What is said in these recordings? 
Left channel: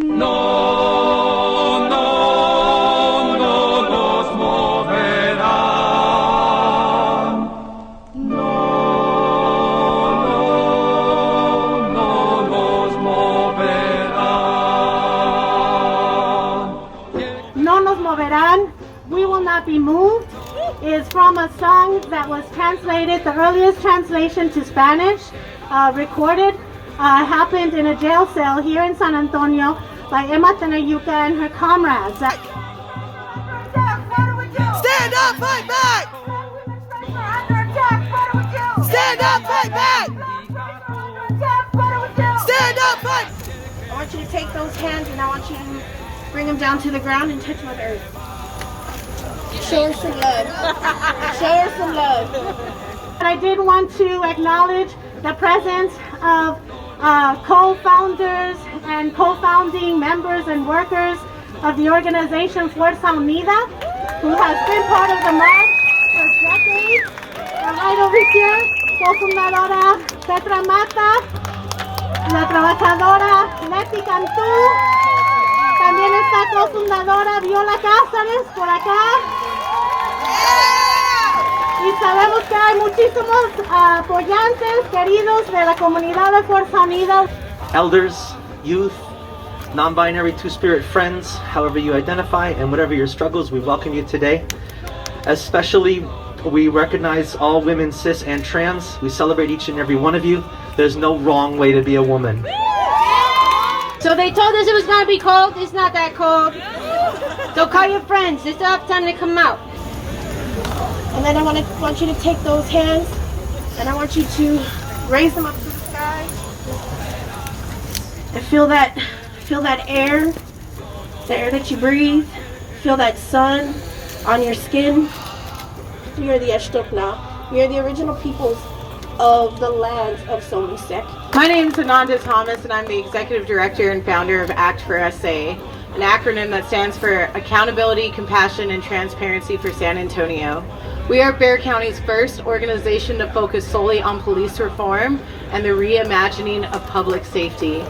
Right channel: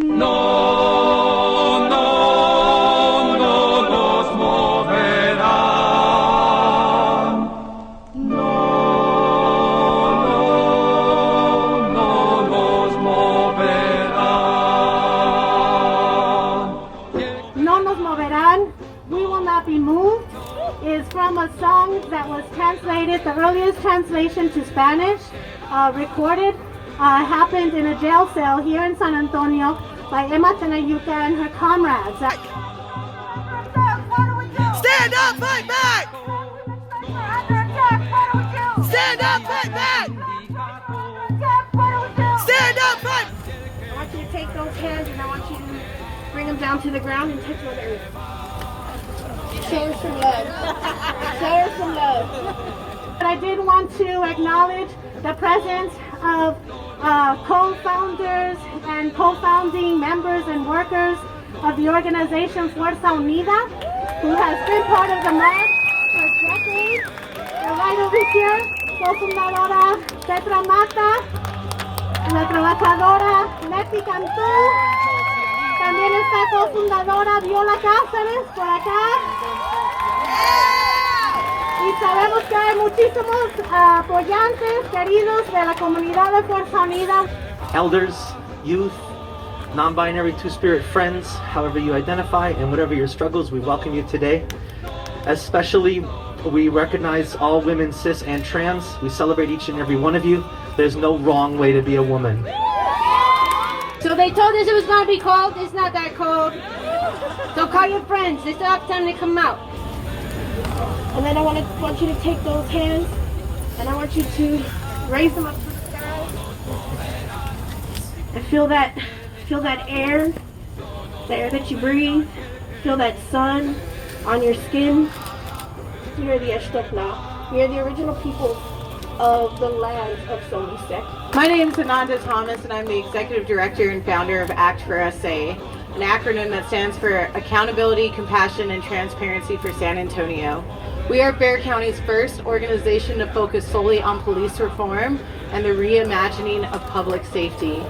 No, no, no nos moverán. No, no, no nos moverán. No nos moverán, we will not be moved, is from a song that was translated, the earliest translation to Spanish, recorded, happened in a jail cell here in San Antonio by Emma Tenayuca and her comrades. Stand up, fight back! Stand up, fight back! Stand up, fight! I want you to take those hands and I want you to bring them down to the ground and touch Mother Earth. Show us some love. Show us some love. But I did want to acknowledge the presence of co-founders and co-founding members and workers of the organization Fuerza Unida, who has been part of the march for decades. Right over here, co-fundadora Petra Mata, la trabajadora Leti Cantú, también está cofundadora Viola Cázares por acá. Y sabemos que hay muchísimos apoyantes queridos de la comunidad de Fuerza Unida. Elders, youth, non-binary, two-spirit friends, however you identify, and whatever your struggles, we welcome you today. Especially, we recognize all women, cis and trans. We celebrate each and every one of you. There's no wrong way to be a woman. So they told us it was going to be cold. It's not that cold. So call your friends. They still have time to come out. And then I want you to take those hands and I want you to raise them up to the sky and feel that air, the air that you breathe. Feel that sun on your skin. You're the Eshtokna. You're the original peoples of the land of Somisek. My name is Ananda Thomas and I'm the Executive Director and founder of ACT for SA, an acronym that stands for Accountability, Compassion, and Transparency for San Antonio. We are Bexar County's first organization to focus solely on police reform and the reimagining of public safety.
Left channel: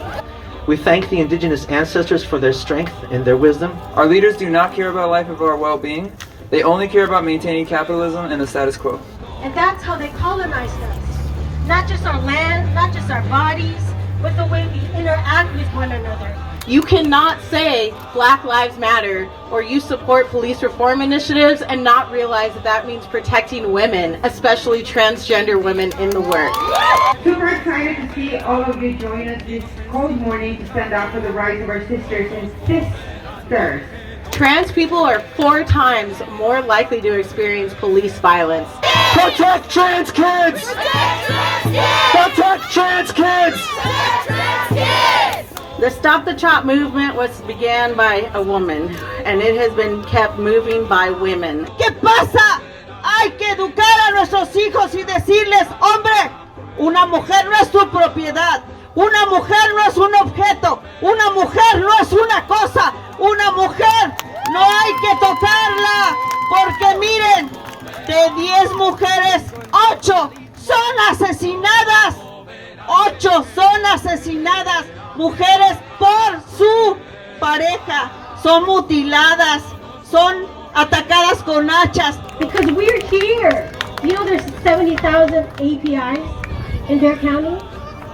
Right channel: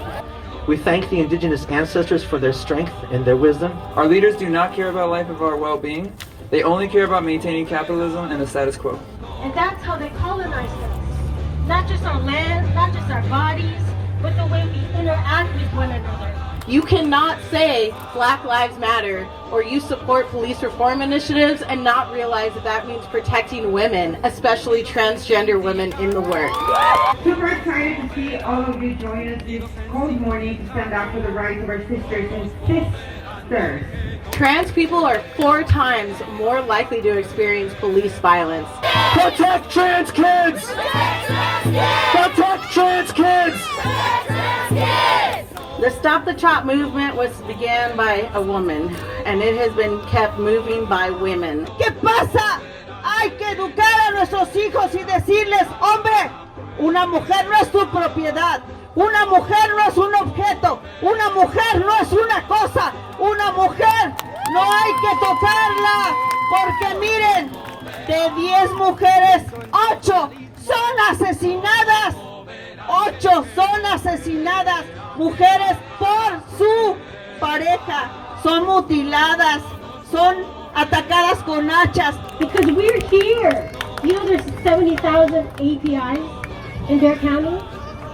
We thank the indigenous ancestors for their strength and their wisdom. Our leaders do not care about life or our well-being. They only care about maintaining capitalism and the status quo. And that's how they colonized us. Not just our land, not just our bodies, but the way we interact with one another. You cannot say Black Lives Matter or you support police reform initiatives and not realize that that means protecting women, especially transgender women in the work. Super excited to see all of you join us this cold morning to stand out for the rights of our sisters and sisters. Trans people are 4 times more likely to experience police violence. Protect trans kids! Protect trans kids! The Stop the Chop movement was began by a woman, and it has been kept moving by women. ¿Qué pasa? Hay que educar a nuestros hijos y decirles, hombre, una mujer no es tu propiedad, una mujer no es un objeto, una mujer no es una cosa, una mujer no hay que tocarla, porque miren, de 10 mujeres, 8 son asesinadas, 8 son asesinadas, mujeres por su pareja, son mutiladas, son atacadas con hachas. Because we're here. You know there's 70,000 APIs in Bexar County?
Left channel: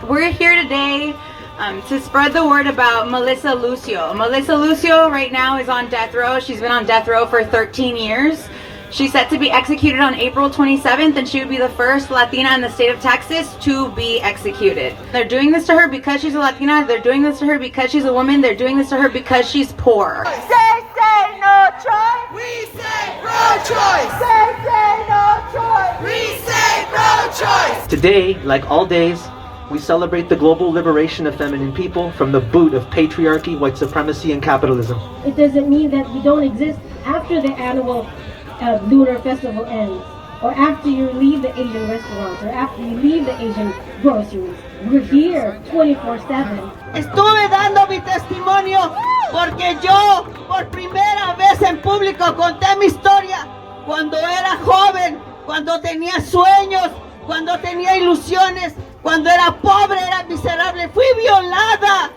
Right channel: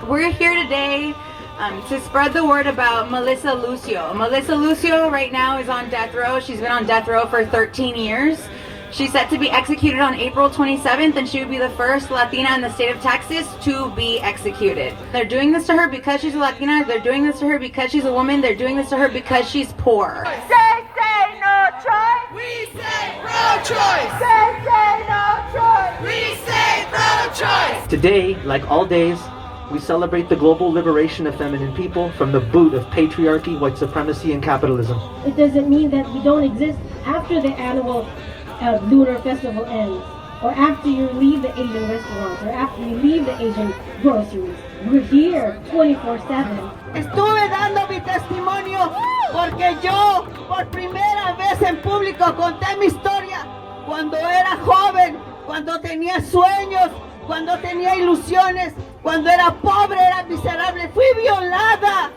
We're here today to spread the word about Melissa Lucio. Melissa Lucio right now is on death row. She's been on death row for 13 years. She's set to be executed on April 27th, and she would be the first Latina in the state of Texas to be executed. They're doing this to her because she's a Latina. They're doing this to her because she's a woman. They're doing this to her because she's poor. Say no choice. We say pro-choice. Say no choice. We say pro-choice. Today, like all days, we celebrate the global liberation of feminine people from the boot of patriarchy, white supremacy, and capitalism. It doesn't mean that we don't exist after the annual lunar festival ends, or after you leave the Asian restaurants, or after you leave the Asian groceries. We're here 24/7. Estuve dando mi testimonio porque yo por primera vez en público conté mi historia cuando era joven, cuando tenía sueños, cuando tenía ilusiones, cuando era pobre, era miserable, fui violada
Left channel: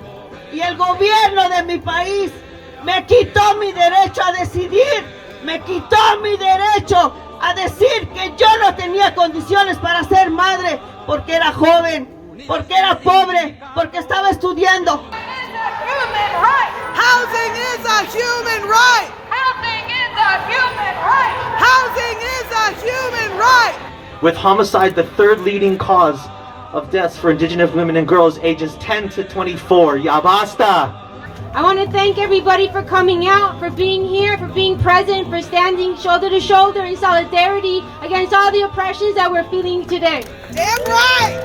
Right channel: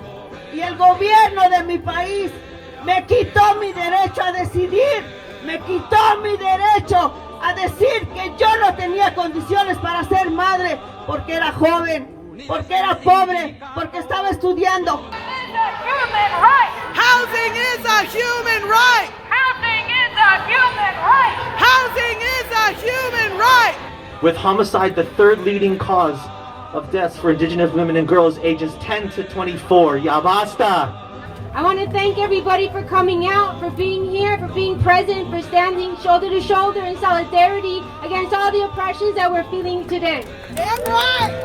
y el gobierno de mi país me quitó mi derecho a decidir, me quitó mi derecho a decir que yo no tenía condiciones para ser madre porque era joven, porque era pobre, porque estaba estudiando. Housing is a human right. Housing is a human right. With homicide the third leading cause of deaths for Indigenous women and girls ages 10 to 24. Ya basta! I want to thank everybody for coming out, for being here, for being present, for standing shoulder to shoulder in solidarity against all the oppressions that we're feeling today. Damn right.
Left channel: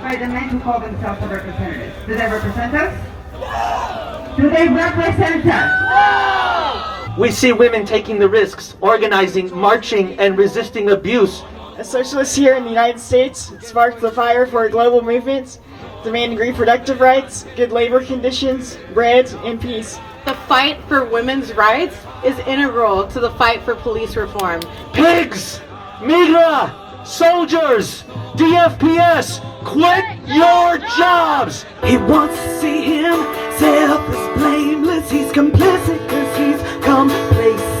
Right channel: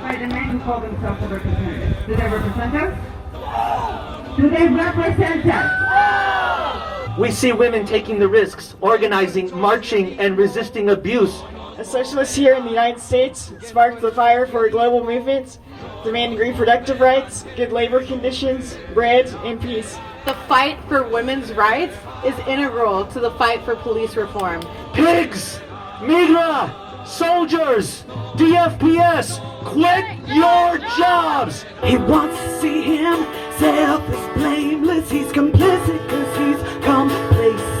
By the men who call themselves the representatives. Do they represent us? Do they represent us? We see women taking the risks, organizing, marching, and resisting abuse. A socialist here in the United States sparked the fire for global movements demanding reproductive rights, good labor conditions, bread, and peace. The fight for women's rights is integral to the fight for police reform. Pigs! Migra! Soldiers! DFPS! Quit your jobs! He wants to see him set up as blameless. He's complicit because he's complacent.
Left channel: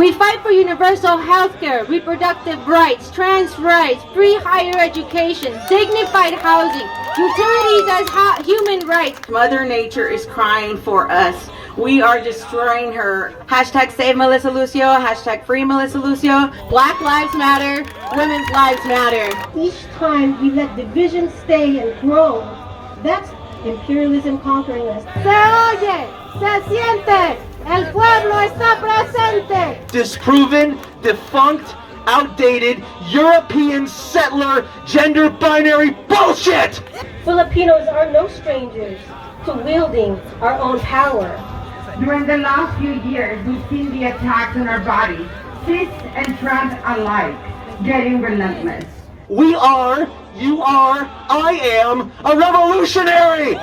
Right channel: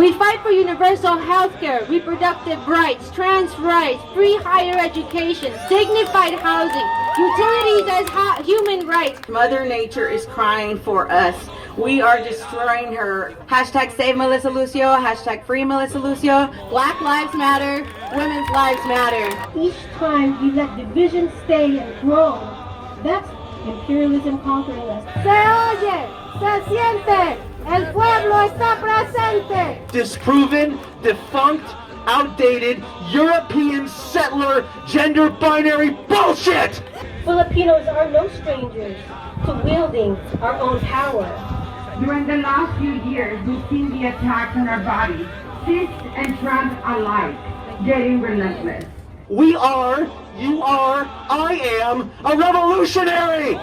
We fight for universal health care, reproductive rights, trans rights, free higher education, dignified housing, utilities as human rights. Mother Nature is crying for us. We are destroying her. Hashtag save Melissa Lucio, hashtag free Melissa Lucio. Black lives matter, women's lives matter. Each time we let division stay and grow, that's imperialism conquering us. Se oye, se siente, el pueblo está presente. Disproven, defunct, outdated, European settler, gender binary bullshit! Filipinos are no strangers to wielding our own power. During the last few years, we've seen the attacks on our bodies, cis and trans alike, getting relentless. We are, you are, I am a revolutionary!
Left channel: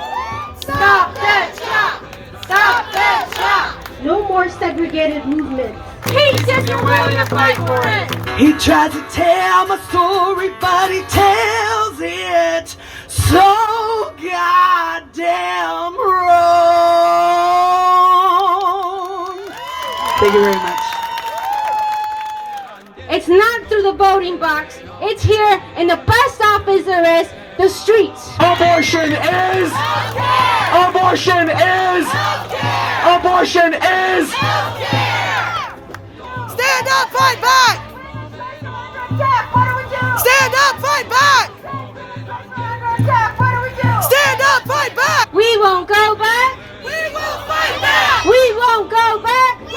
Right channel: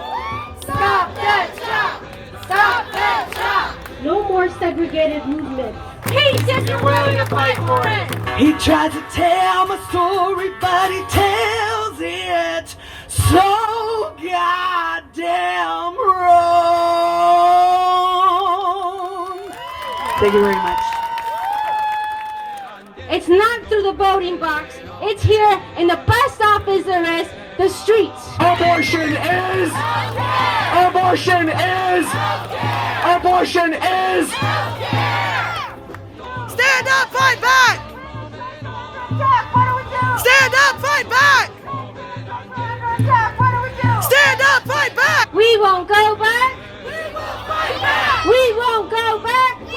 Stop that shot! Stop that shot! No more segregated movements. Peace if you're willing to fight for it. He tries to tell my story, but he tells it so goddamn wrong. Thank you very much. It's not through the voting box. It's here in the best office there is, the streets. Abortion is! Abortion is! Abortion is! Stand up, fight back! Stand up, fight back! Stand up, fight back! We won't go back. We will fight back! We won't go back. We will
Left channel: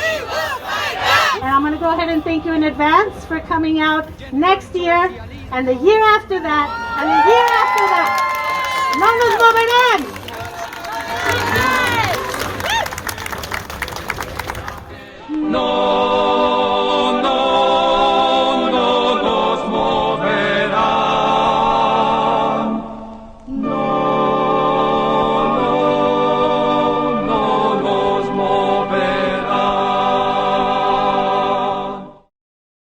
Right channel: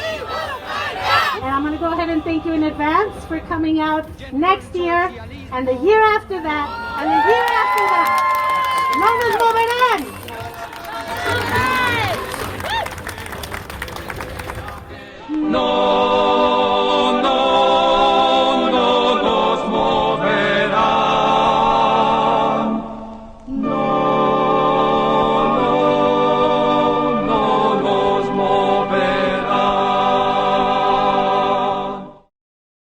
fight back! And I'm going to go ahead and thank you in advance for coming out next year, and the year after that, and the year after that. No nos moverán.